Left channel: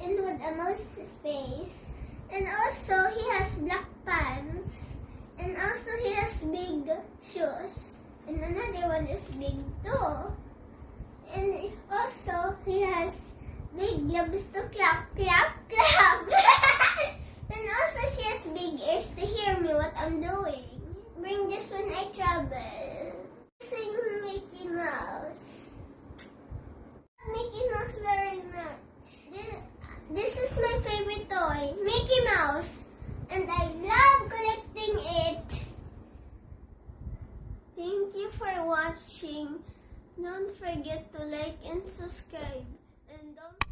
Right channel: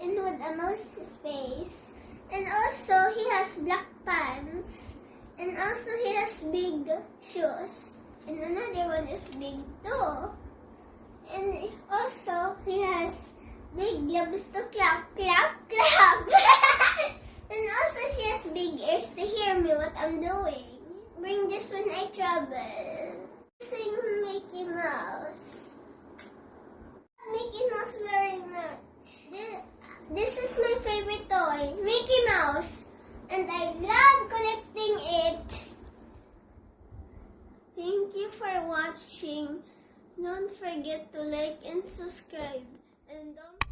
and with a mouse's face. And also, he has black pants. And also, he has big shoes. And another one is big too. And also, he has big gloves to clap, clap, clap. And also, she has big ears to hear me what I'm doing. Bring this when I travel. Sing Mickey Mouse. Mickey Mouse very much. This is my favorite toy, Mickey Mouse. And I love collecting it. Thank you for watching. Don't forget to like and subscribe. And don't